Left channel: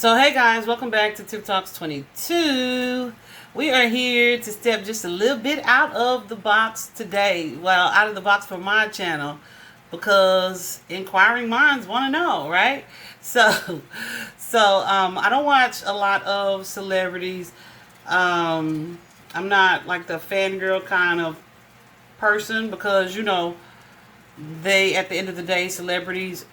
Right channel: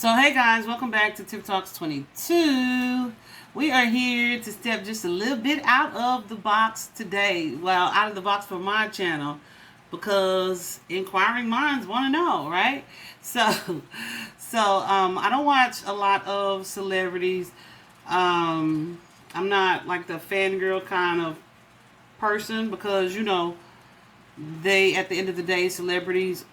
So hey guys, welcome back to Tip Talks 22. We are here to step just a little bit out of the box today. Well, out of the box for my channel because inquiring minds want to know, right? So, I don't watch a lot of celebrities. I'm not like the fangirl kind of person because they at the end of the day, celebrities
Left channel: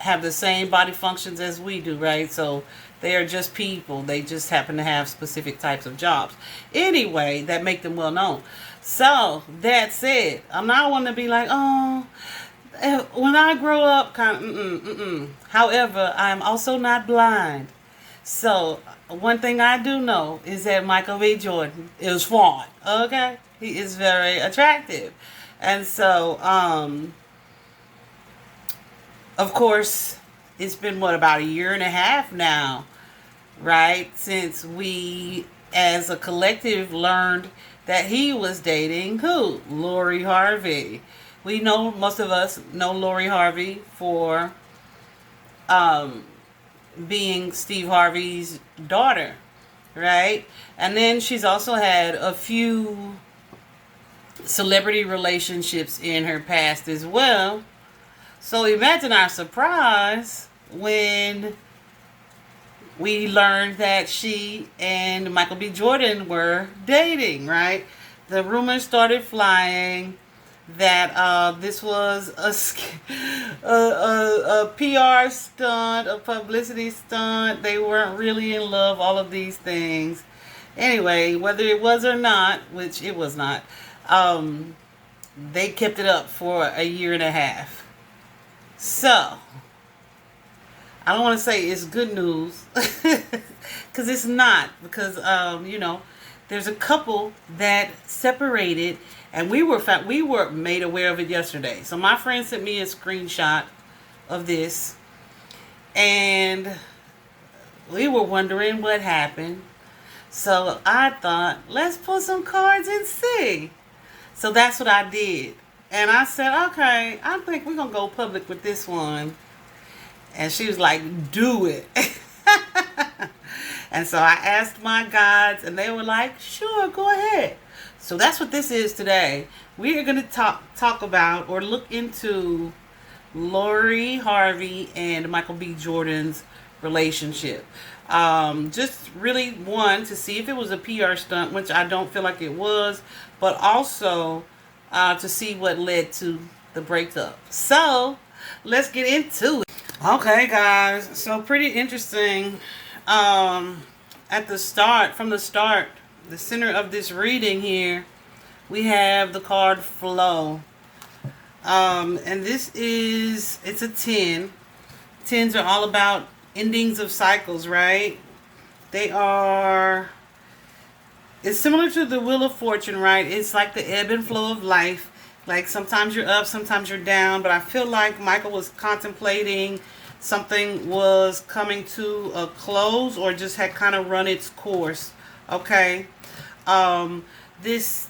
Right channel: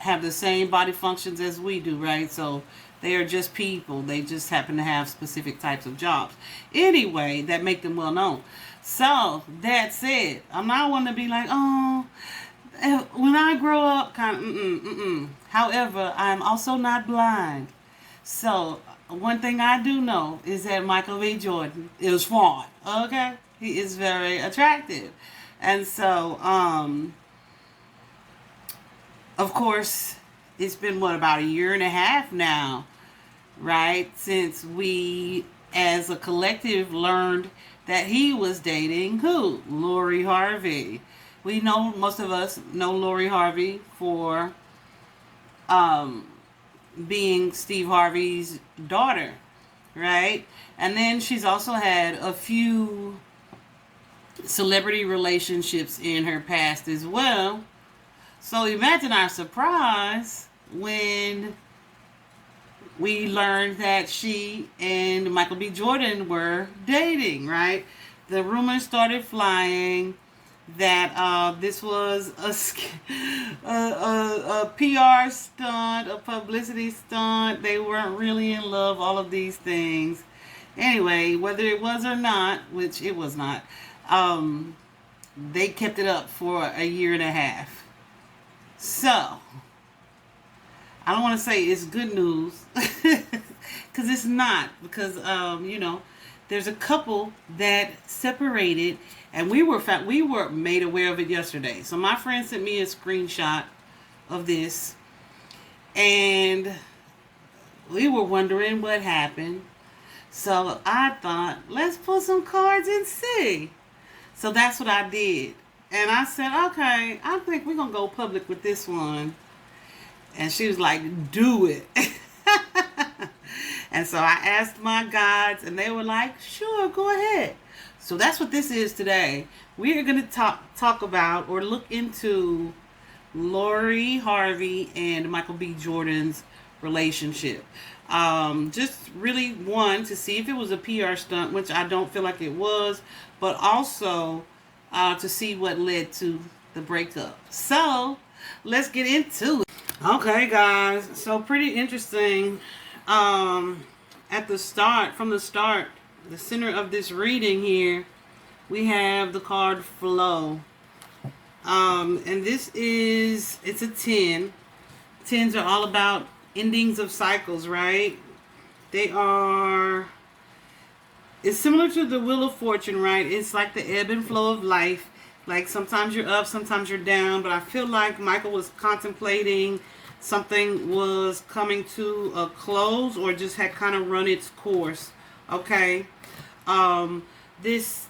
have the same body functions as we do, right? So they are just people. They just happen to have specific types of jobs. Anyway, that make them well known. So that said, I'm not one to be like, oh, when I grow up, kind of, However, I'm also not blind. So one thing I do know is that Michael B. Jordan is fine. Okay, he is very attractive, and so of course, it's been about a year and a half now, right? Since we as a collective learned that he was dating who? Lori Harvey. We know, most of us know Lori Harvey for being Steve Harvey's daughter, right? And then she's also had a few celebrity relationships in her past as well. So imagine our surprise when we learned that she and Michael B. Jordan were dating, right? The rumors started flying that this was a PR stunt, a publicity stunt. They weren't really in love, all of these things. Anyway, whether it was or not, which it was not, they kept it up for a year and a half. So, I don't want to say it's good news, because it's not, because, there's a couple that separated, and we were made aware of it yesterday. So my friend sent me a screenshot of this, and we were wondering what happened. So I thought, let's pull some cards and see. So that's what I did. And I said, okay, I think we're going to go public with this one. And she was like, do it. And so I asked my guides, and they were like, sure, go ahead. So that's what this is today. We are going to talk about or look into Lori Harvey and Michael B. Jordan's relationship. Just really, one, to see if it was a PR stunt, which I don't feel like it was, but also to see what led to the breakup. So let's get into it. Okay, guys. So pretty interesting. At the start, the center of this reading here, we have the card Flow. And it's a 10. 10s are all about endings of cycles, right? It's similar to the Wheel of Fortune, right? It's like the ebb and flow of life. Like sometimes you're up, sometimes you're down. But I feel like Michael was contemplating something was coming to a close or just had kind of run its course. Okay. This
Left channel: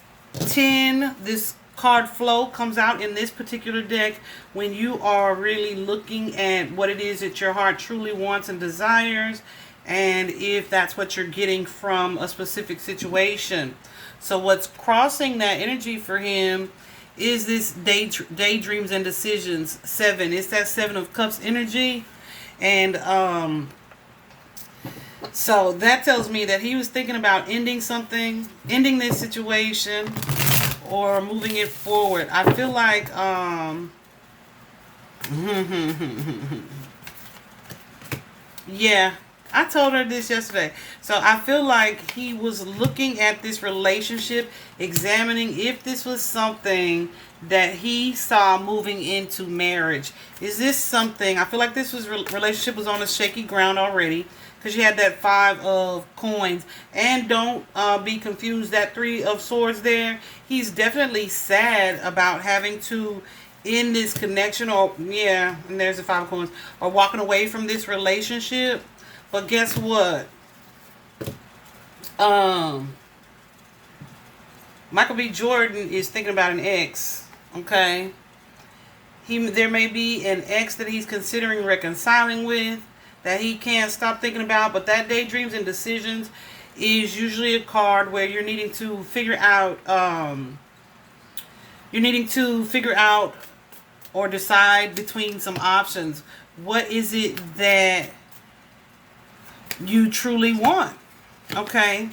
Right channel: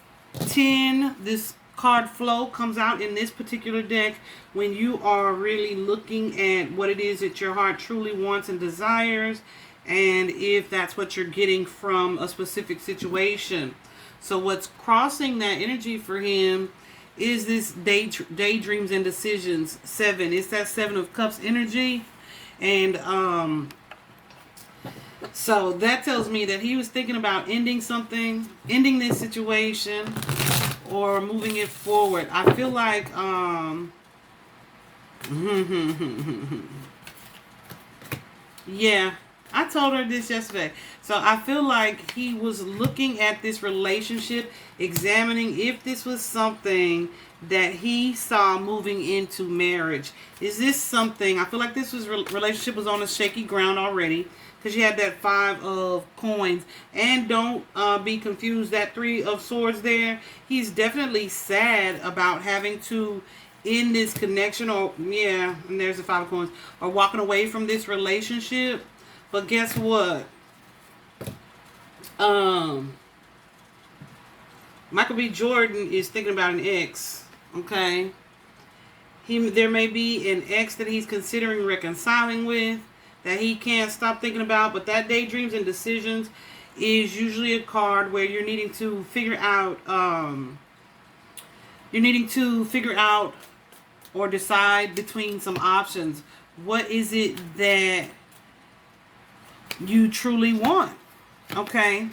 card Flow comes out in this particular deck when you are really looking at what it is that your heart truly wants and desires, and if that's what you're getting from a specific situation. So what's crossing that energy for him is this daydreams and decisions 7. It's that 7 of Cups energy. And so that tells me that he was thinking about ending this situation, or moving it forward. I feel like yeah, I told her this yesterday. So I feel like he was looking at this relationship, examining if this was something that he saw moving into marriage. Is this something? I feel like this relationship was on a shaky ground already, because you had that 5 of coins. And don't be confused, that 3 of swords there, he's definitely sad about having to end this connection, or and there's the 5 of coins, or walking away from this relationship. But guess what? Michael B. Jordan is thinking about an ex. Okay, there may be an ex that he's considering reconciling with. that he can't stop thinking about. But that daydreams and decisions is usually a card where you're needing to figure out, or decide between some options. What is it that you truly want? Okay.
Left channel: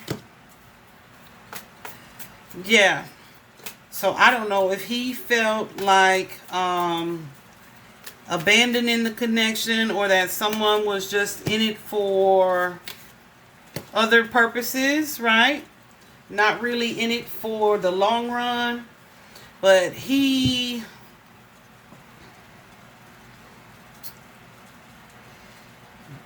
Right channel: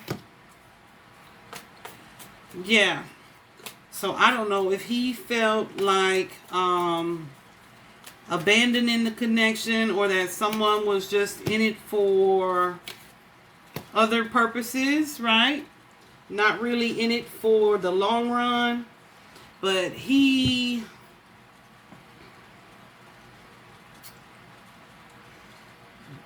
Yeah. So I don't know if he felt like abandoning the connection, or that someone was just in it for other purposes, right? Not really in it for the long run. But he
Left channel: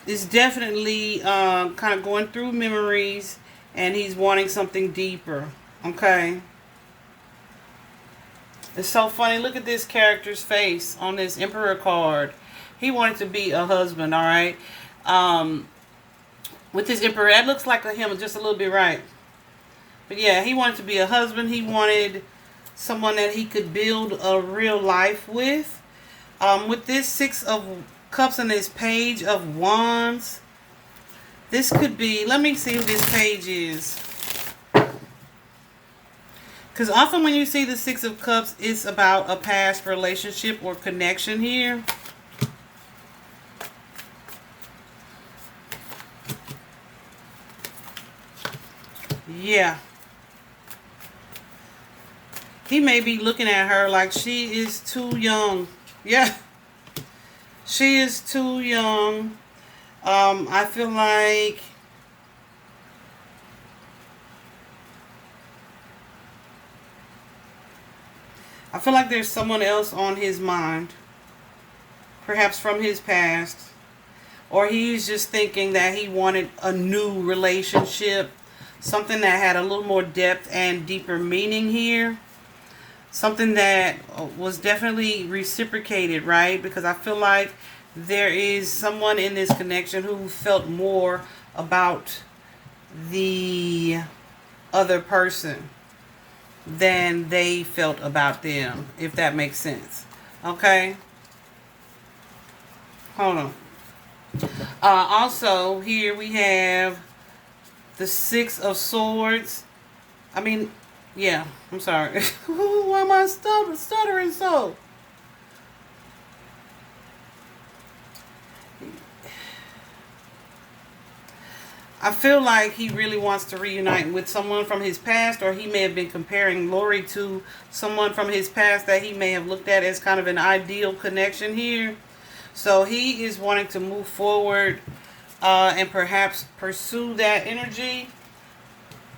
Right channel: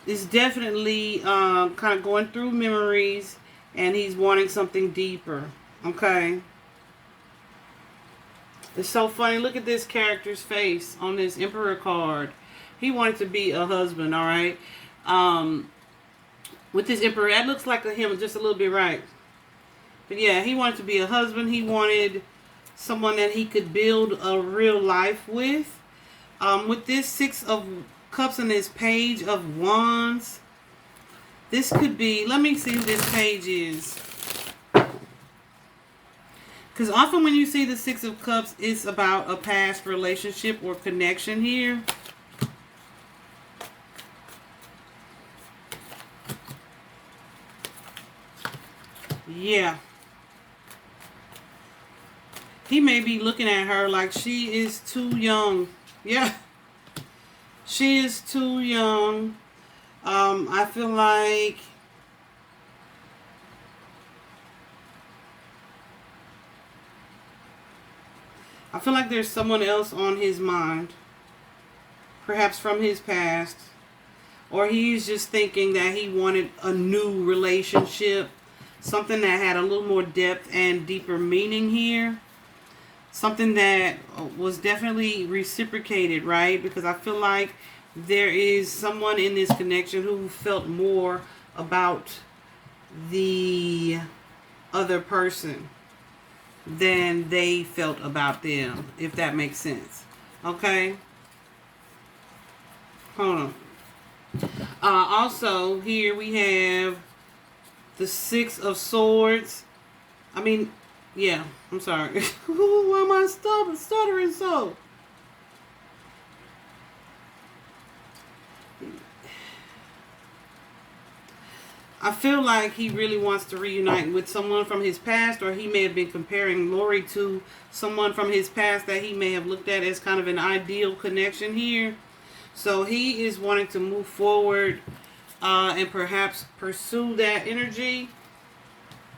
is definitely kind of going through memories, and he's wanting something deeper. Okay. It's so funny. Look at this character's face on this Emperor card. He wanted to be a husband, all right? With this Emperor, that looks like him just a little bit, right? But yeah, he wanted to be a husband. He wanted someone that he could build a real life with. With this Six of Cups and this Page of Wands, this could be, let me see who this page is. Because often when you see the Six of Cups, it's about a past relationship or connection here. Yeah. He may be looking at her like she is too young. Yeah. She is too young. I feel like there's someone else on his mind, perhaps from his past, or he's just thinking that he wanted a new relationship, something that had a little more depth and deeper meaning here, something that was definitely reciprocated, right? Because I feel like there is someone in this connection who felt more about the other person than they felt about them, if that makes sense. Okay? Hold on. Also, here we have the Six of Swords. I mean, yeah, I'm sorry. Why am I stuttering so? I feel like he really wants to reunite with someone from his past, or he may have been comparing Lori to someone from his past that he may have looked at as kind of an ideal connection here. So he is wanting to move forward and perhaps pursue that energy.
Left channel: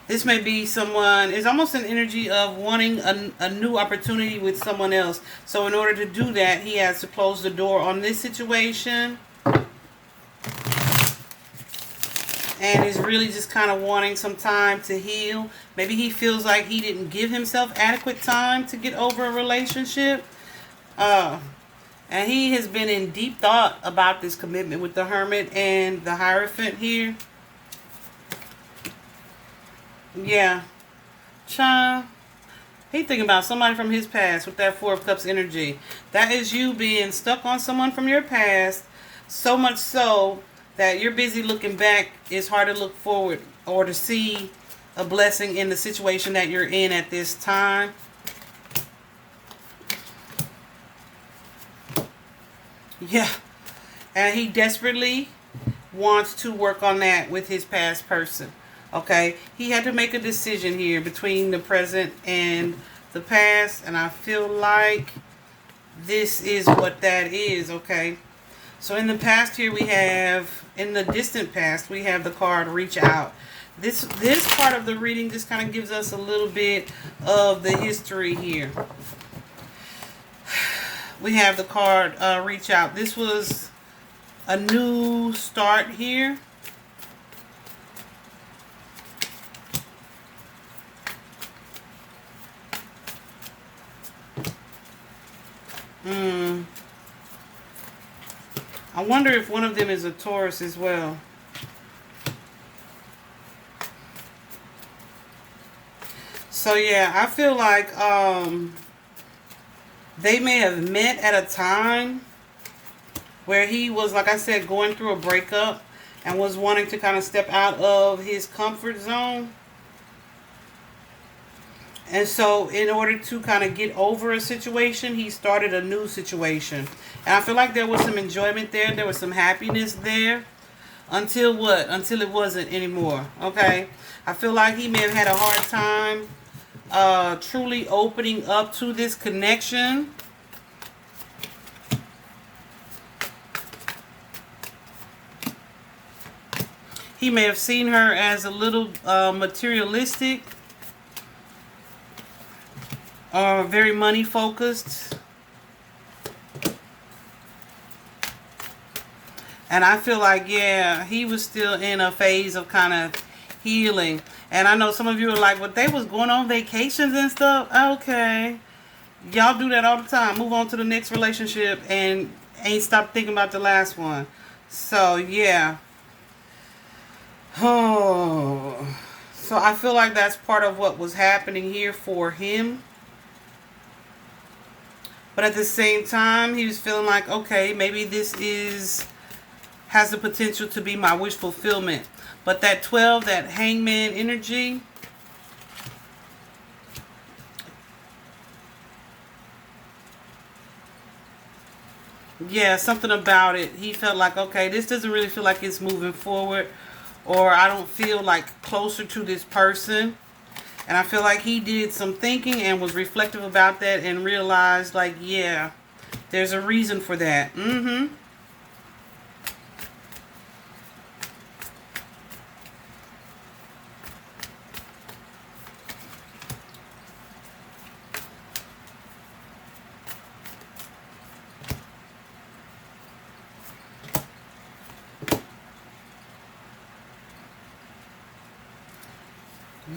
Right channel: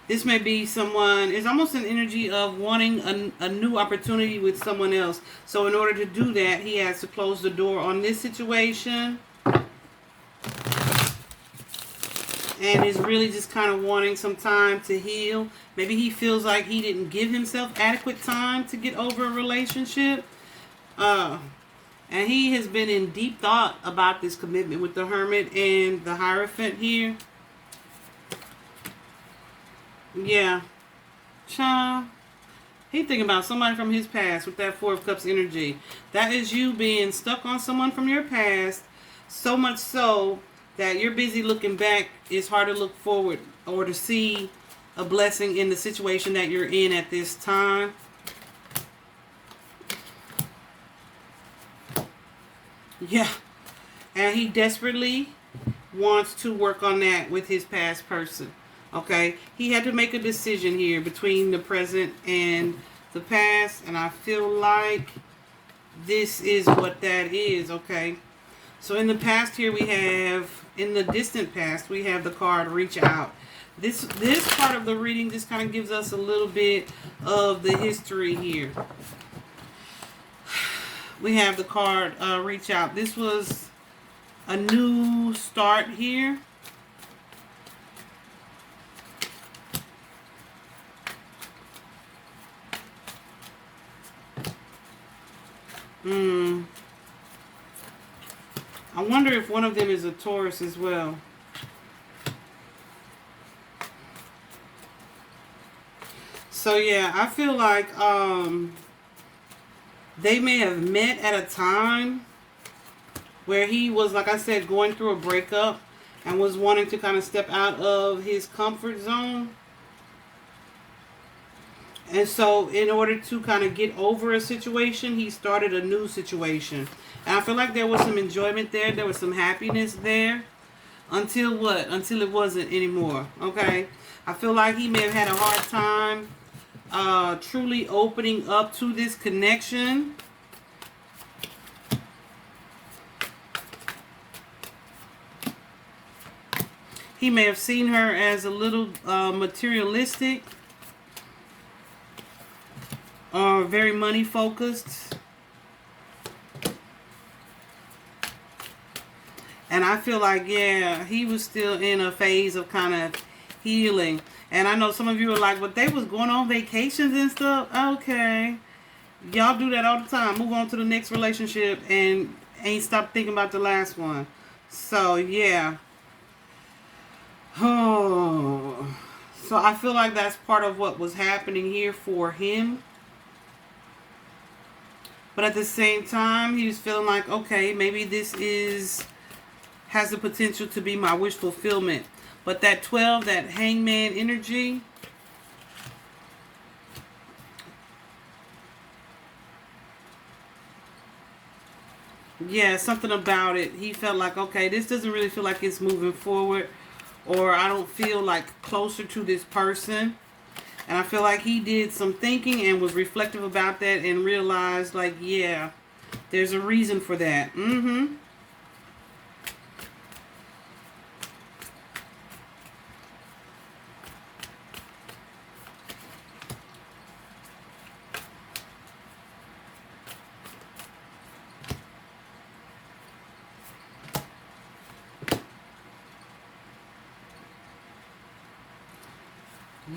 This may be someone, it's almost an energy of wanting a new opportunity with someone else. So in order to do that, he has to close the door on this situation. And is really just kind of wanting some time to heal. Maybe he feels like he didn't give himself adequate time to get over a relationship. And he has been in deep thought about this commitment with the Hermit and the Hierophant here. Yeah. Child. He's thinking about somebody from his past with that Four of Cups energy. That is you being stuck on someone from your past. So much so that you're busy looking back. It's hard to look forward or to see a blessing in the situation that you're in at this time. Yeah. And he desperately wants to work on that with his past person. Okay. He had to make a decision here between the present and the past. And I feel like this is what that is. Okay. So in the past here we have, in the distant past, we have the card Reach Out. This part of the reading just kind of gives us a little bit of the history here. We have the card Reach Out. This was a new start here. I wonder if one of them is a Taurus as well. So yeah, I feel like they may have met at a time where he was, like I said, going through a breakup and was wanting to kind of step out of his comfort zone. And so in order to kind of get over a situation, he started a new situation. And I feel like there was some enjoyment there. There was some happiness there. Until what? Until it wasn't anymore. Okay? I feel like he may have had a hard time truly opening up to this connection. He may have seen her as a little materialistic. Or very money focused. And I feel like, yeah, he was still in a phase of kind of healing. And I know some of you are like, well, they was going on vacations and stuff. Okay. Y'all do that all the time. Move on to the next relationship and ain't stop thinking about the last one. So, yeah. Oh. So I feel like that's part of what was happening here for him. But at the same time, he was feeling like, okay, maybe this has the potential to be my wish fulfillment. But that 12, that hangman energy, yeah, something about it. He felt like, okay, this doesn't really feel like it's moving forward. Or I don't feel like closer to this person. And I feel like he did some thinking and was reflective about that and realized, like, yeah, there's a reason for that.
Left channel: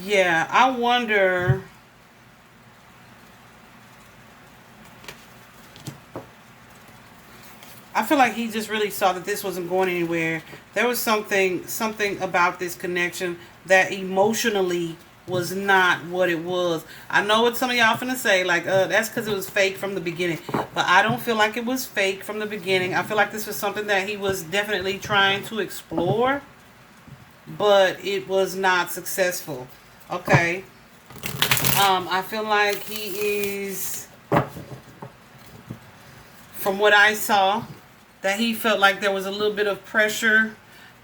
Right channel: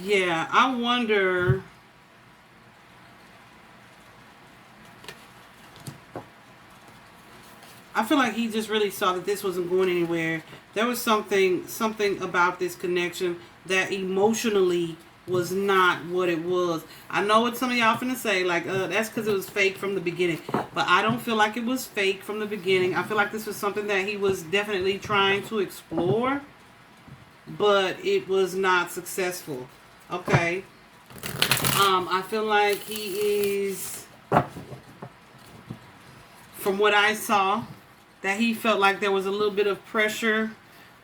Yeah, I wonder. I feel like he just really saw that this wasn't going anywhere. There was something about this connection that emotionally was not what it was. I know what some of y'all finna say, like, that's because it was fake from the beginning. But I don't feel like it was fake from the beginning. I feel like this was something that he was definitely trying to explore, but it was not successful. Okay. I feel like he is, from what I saw, that he felt like there was a little bit of pressure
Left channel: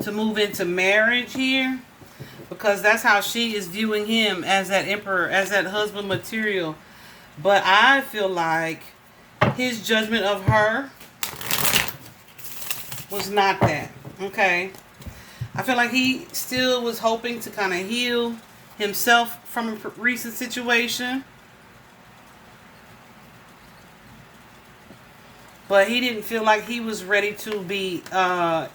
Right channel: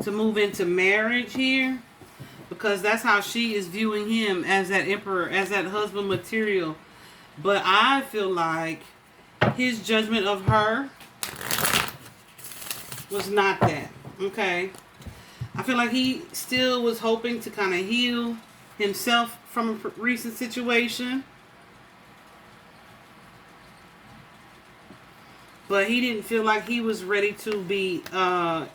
to move into marriage here, because that's how she is viewing him, as that emperor, as that husband material. But I feel like his judgment of her was not that. Okay. I feel like he still was hoping to kind of heal himself from a recent situation. But he didn't feel like he was ready to be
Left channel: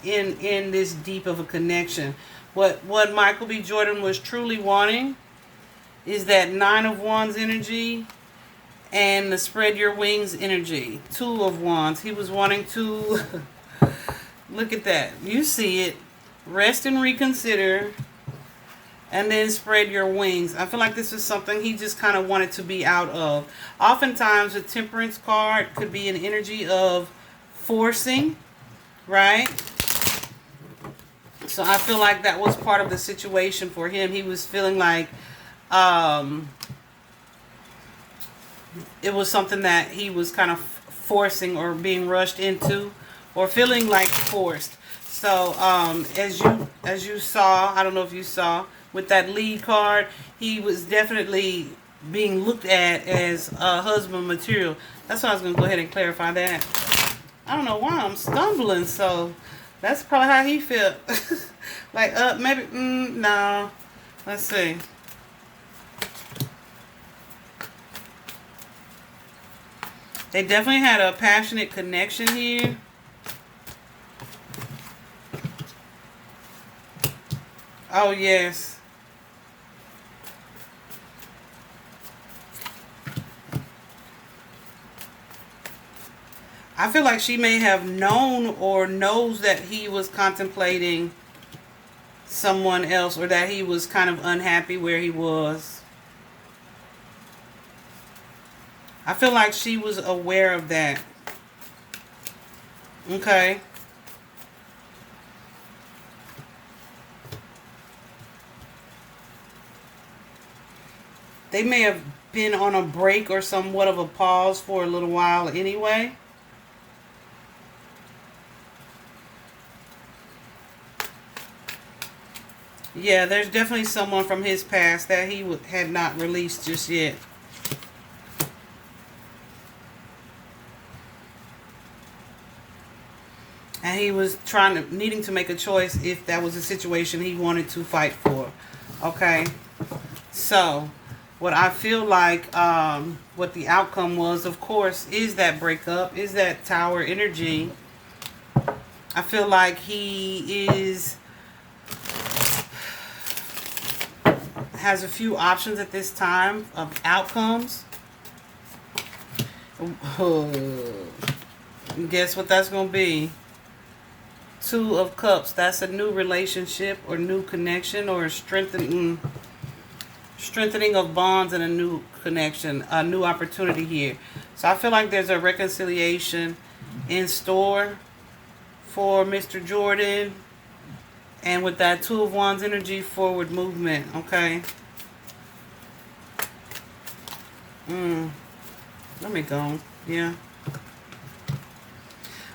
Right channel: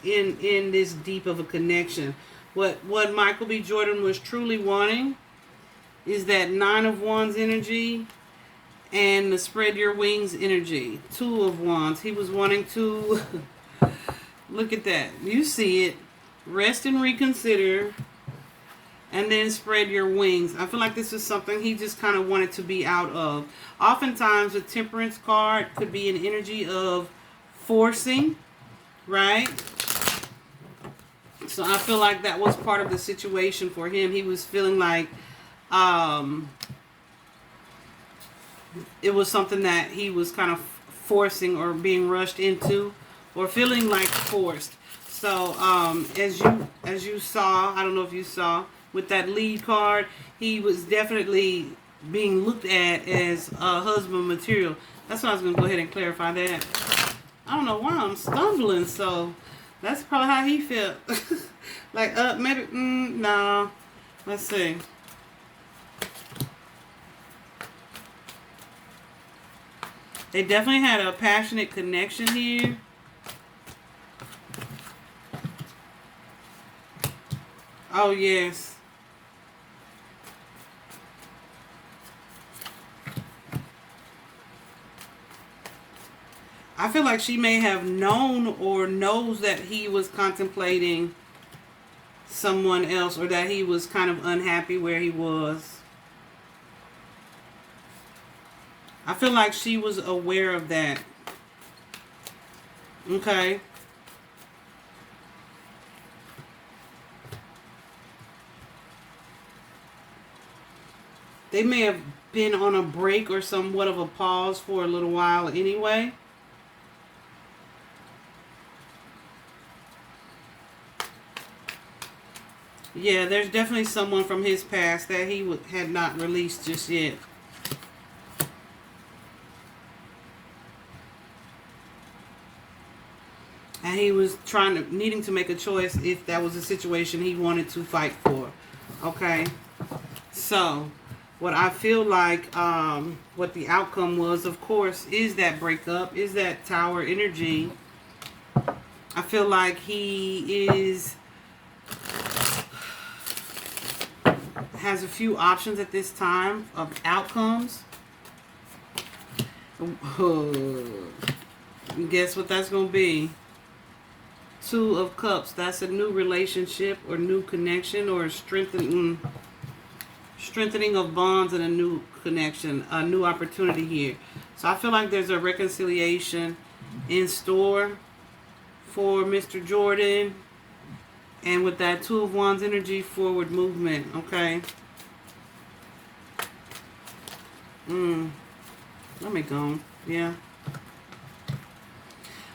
in this deep of a connection. What Michael B. Jordan was truly wanting is that 9 of Wands energy and the spread your wings energy. 2 of Wands. He was wanting to, look at that. You see it. Rest and reconsider. And then spread your wings. I feel like this is something he just kind of wanted to be out of. Oftentimes, a temperance card could be an energy of forcing, right? So I feel like that was part of the situation for him. He was feeling like it was something that he was kind of forcing or being rushed into, or feeling like forced. So as you saw, I don't know if you saw, with that lead card, he was definitely being looked at as husband material. That's why I was going to go ahead and clarify that. I don't know why I'm stumbling, so that's probably how he felt. Like, maybe, no. Let's see. They definitely had a passionate connection here. Oh, yes. I feel like she may have known or knows that he was contemplating someone else, or that he was kind of unhappy where he was. I feel like she was aware of that. Okay. They may have been on a break or somewhat of a pause for a little while anyway. Yeah, there's definitely someone from his past that he had not released just yet. And he was needing to make a choice if that was a situation he wanted to fight for. Okay. So, what I feel like, what the outcome was, of course, is that breakup, is that tower energy. I feel like he has a few options at this time of outcomes. Guess what that's going to be? Two of Cups. That's a new relationship or new connection or strengthening of bonds and a new connection, a new opportunity here. So I feel like there's a reconciliation in store for Mr. Jordan. And with that Two of Wands energy, forward movement. Okay. Let me go. Yeah.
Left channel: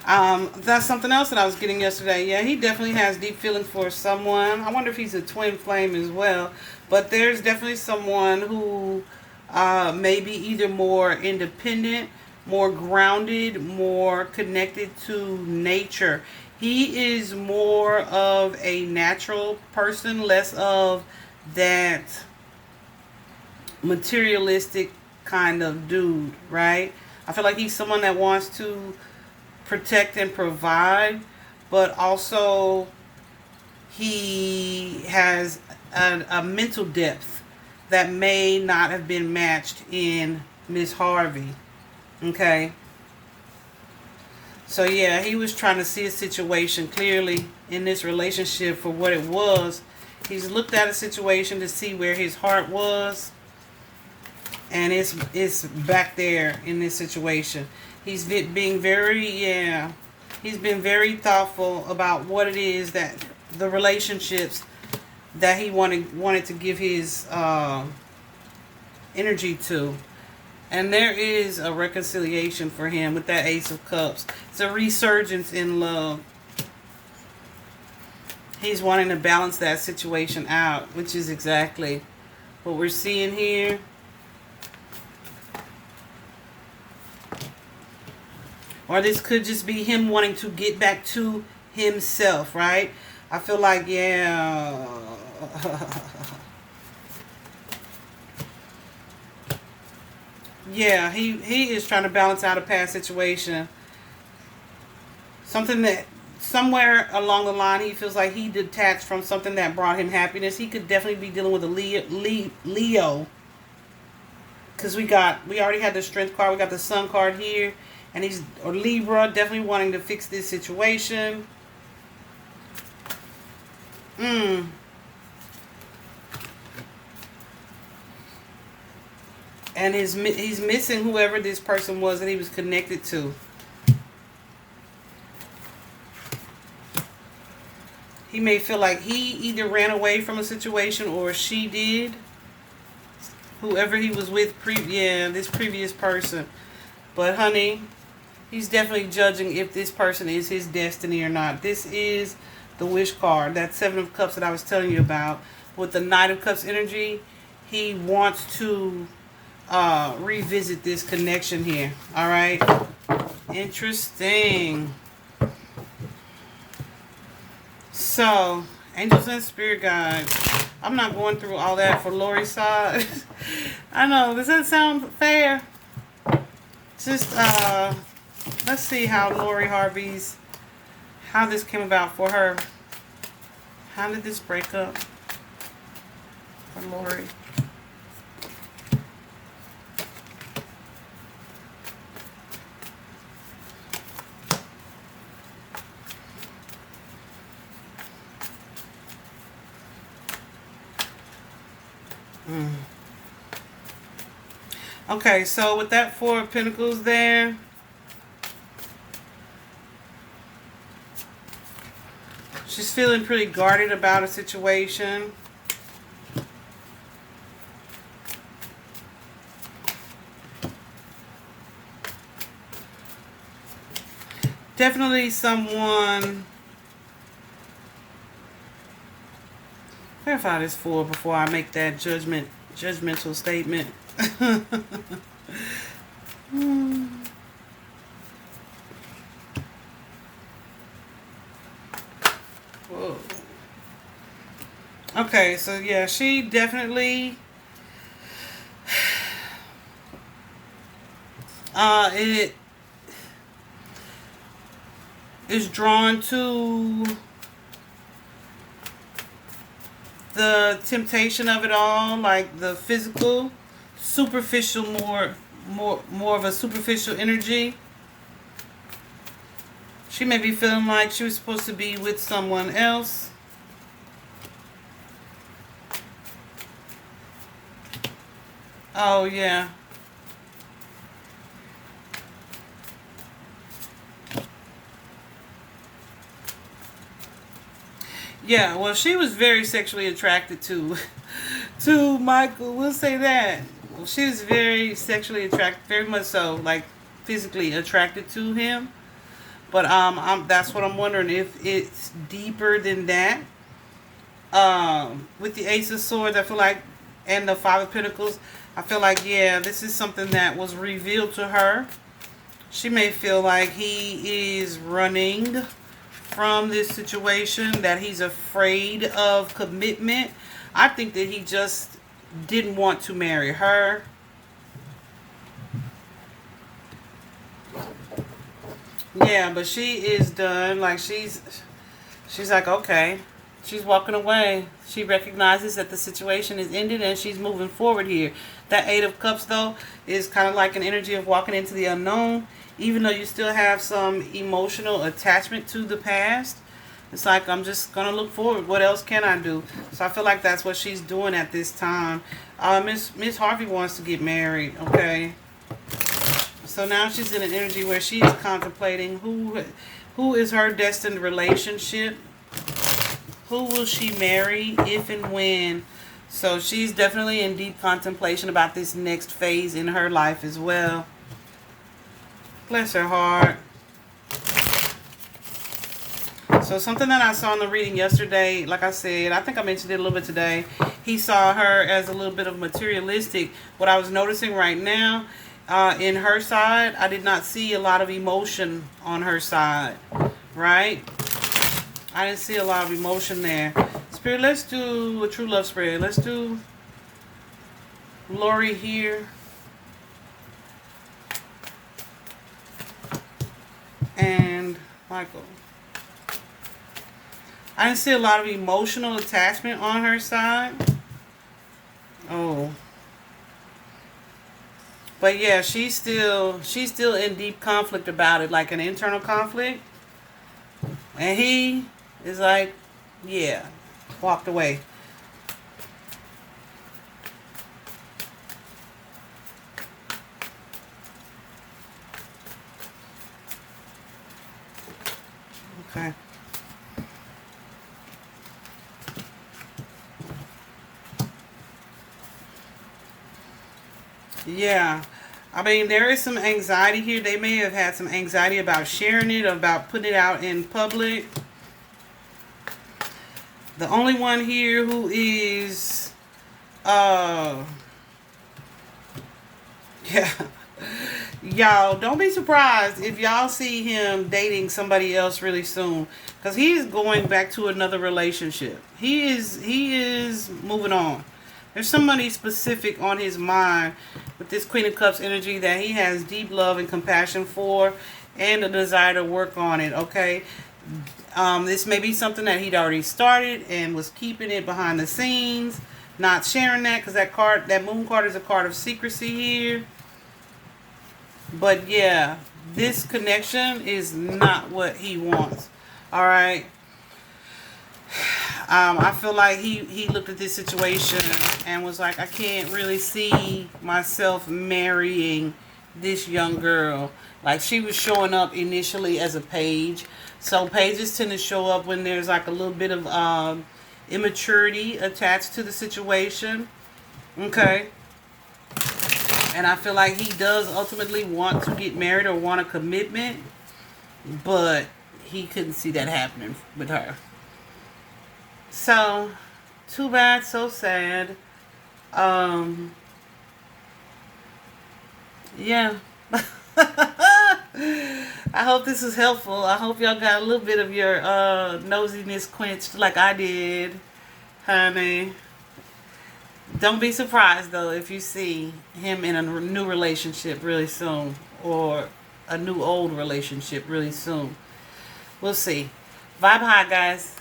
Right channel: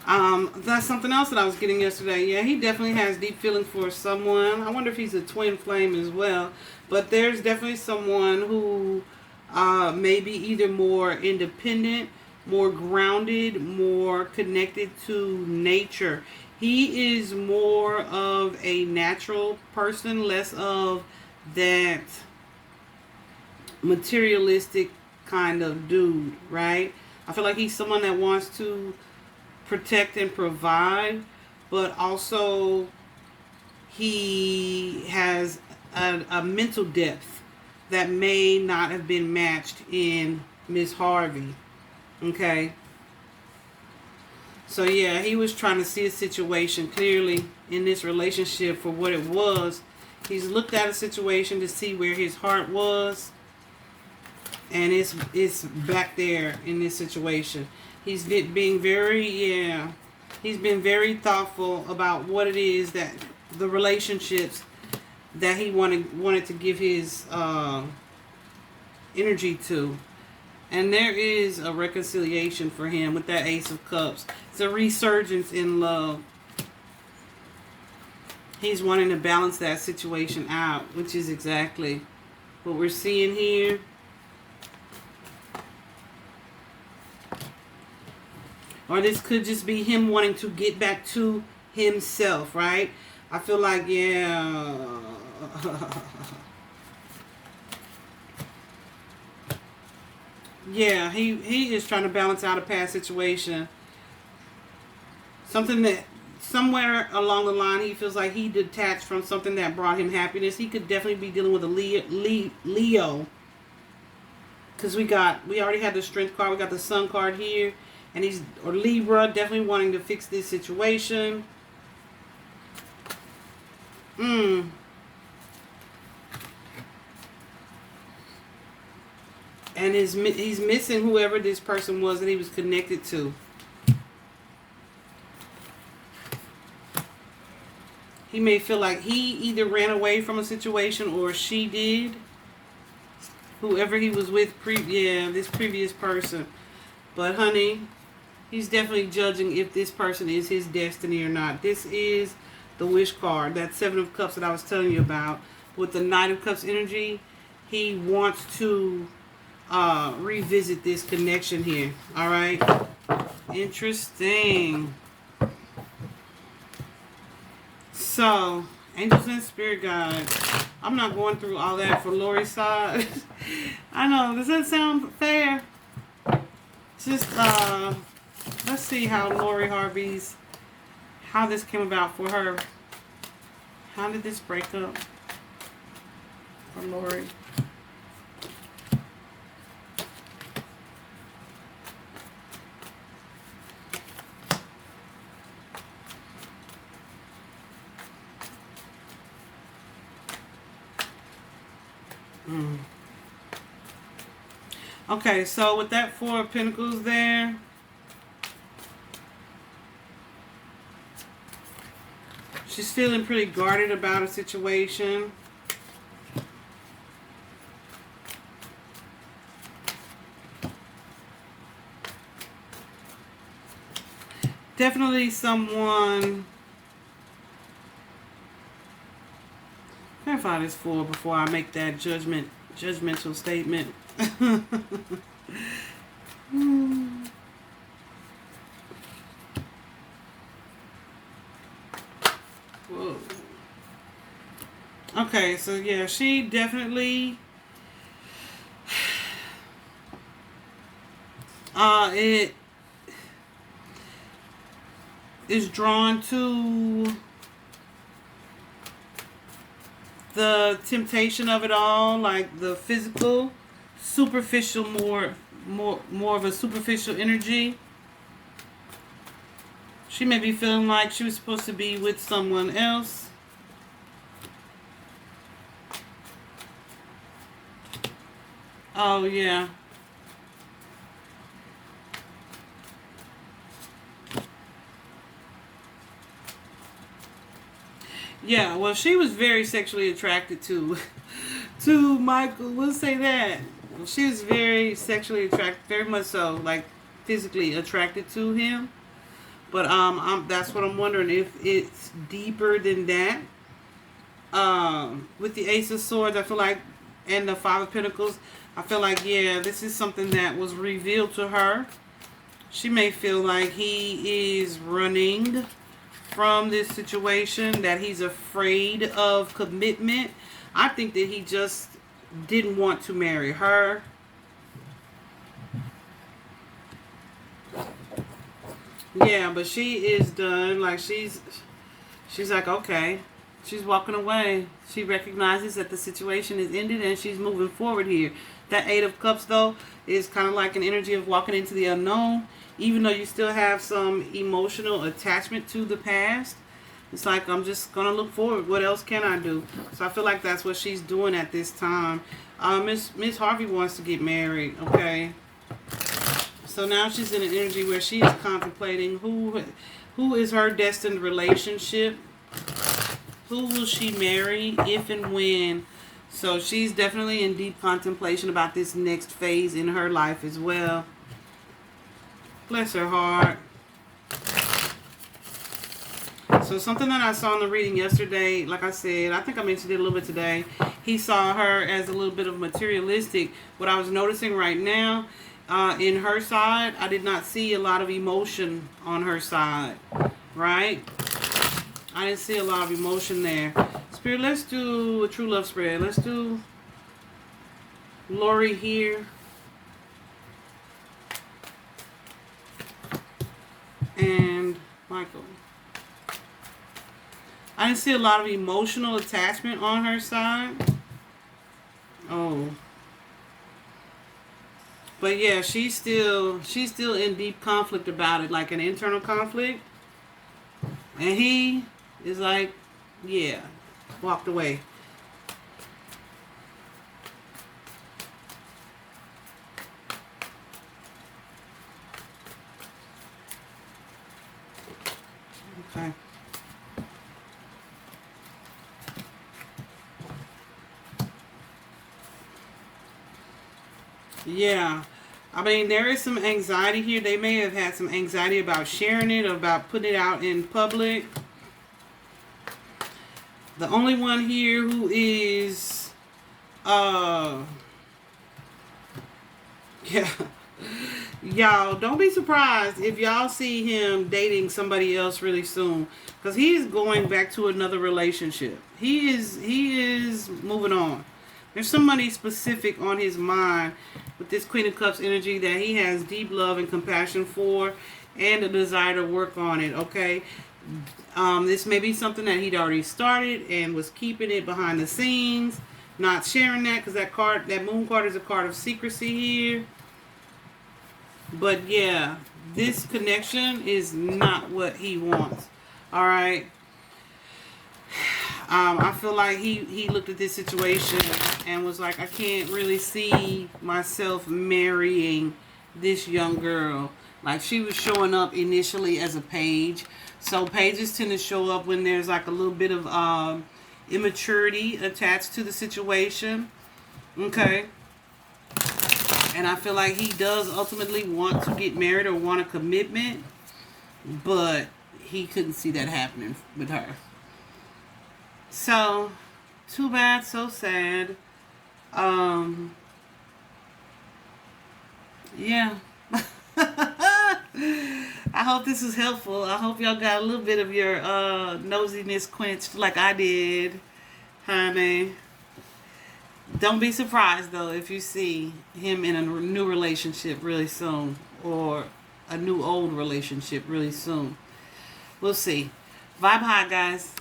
That's something else that I was getting yesterday. Yeah, he definitely has deep feelings for someone. I wonder if he's a twin flame as well. But there's definitely someone who may be either more independent, more grounded, more connected to nature. He is more of a natural person, less of that materialistic kind of dude, right? I feel like he's someone that wants to protect and provide, but also he has a mental depth that may not have been matched in Miss Harvey. Okay. So yeah, he was trying to see a situation clearly in this relationship for what it was. He's looked at a situation to see where his heart was, and it's back there in this situation. He's being he's been very thoughtful about what it is that the relationships that he wanted to give his energy to. And there is a reconciliation for him with that Ace of Cups. It's a resurgence in love. He's wanting to balance that situation out, which is exactly what we're seeing here. Or this could just be him wanting to get back to himself, right? I feel like, yeah. Yeah, he is trying to balance out a past situation. Something that somewhere along the line he feels like he detached from something that brought him happiness. He could definitely be dealing with a Leo. Because we already had the Strength card. We got the Sun card here. And or Libra, definitely wanting to fix this situation. And he's missing whoever this person was that he was connected to. He may feel like he either ran away from a situation or she did. Whoever he was with, this previous person. But honey, he's definitely judging if this person is his destiny or not. This is the Wish card, that Seven of Cups that I was telling you about. With the Knight of Cups energy, he wants to revisit this connection here. All right. Interesting. So, angels and spirit guides. I'm not going through all that for Lori's side. I know. Does that sound fair? Just let's see how Lori Harvey's, how this came about for her. How did this break up for Lori? Okay, so with that Four of Pentacles there, She's feeling pretty guarded about a situation. Definitely someone. Clarify this for before I make that judgmental statement. Whoa. Okay, so yeah, she definitely it is drawn to the temptation of it all, like the physical, superficial, more of a superficial energy. She may be feeling like she was supposed to be with someone else. Oh yeah. Yeah, well, she was very sexually attracted to Michael. We'll say that. She was very sexually attracted, very much so, like physically attracted to him. But that's what I'm wondering, if it's deeper than that. With the Ace of Swords, I feel like, and the Five of Pentacles, I feel like, yeah, this is something that was revealed to her. She may feel like he is running from this situation, that he's afraid of commitment. I think that he just didn't want to marry her. Yeah, but she is done. Like she's like, okay. She's walking away. She recognizes that the situation is ended and she's moving forward here. That Eight of Cups, though, is kind of like an energy of walking into the unknown. Even though you still have some emotional attachment to the past, it's like, I'm just going to look forward. What else can I do? So I feel like that's what she's doing at this time. Miss Harvey wants to get married, okay? So now she's in an energy where she's contemplating who is her destined relationship. Who will she marry, if and when? So she's definitely in deep contemplation about this next phase in her life as well. Bless her heart. So something that I saw in the reading yesterday, like I said, I think I mentioned it a little bit today. He saw her as a little bit of materialistic. What I was noticing right now, in her side, I did not see a lot of emotion on her side, right? I didn't see a lot of emotion there. Spirit, let's do a true love spread. Let's do Lori here. And Michael. I didn't see a lot of emotional attachment on her side. Oh. But yeah, she's still in deep conflict about it, like an internal conflict. And he is like, yeah, walked away. Okay. Yeah. I mean, there is some anxiety here. They may have had some anxiety about sharing it, about putting it out in public. The only one here who is, yeah. Y'all, don't be surprised if y'all see him dating somebody else really soon. Because he is going back to another relationship. He is moving on. There's somebody specific on his mind with this Queen of Cups energy that he has deep love and compassion for, and a desire to work on it, okay? This may be something that he'd already started and was keeping it behind the scenes, not sharing that, because that moon card is a card of secrecy here. But yeah, this connection is not what he wants. All right. I feel like he looked at this situation and was like, I can't really see myself marrying this young girl. Like she was showing up initially as a page. So pages tend to show up when there's like a little bit of immaturity attached to the situation. Okay. And I feel like he does ultimately want to get married or want a commitment, but he couldn't see that happening with her. So, too bad, so sad. Yeah. I hope this is helpful. I hope y'all got a little bit of your nosiness quenched like I did, honey. Don't be surprised though if you see him in a new relationship really soon, or a new old relationship really soon. We'll see. Vibe high, guys.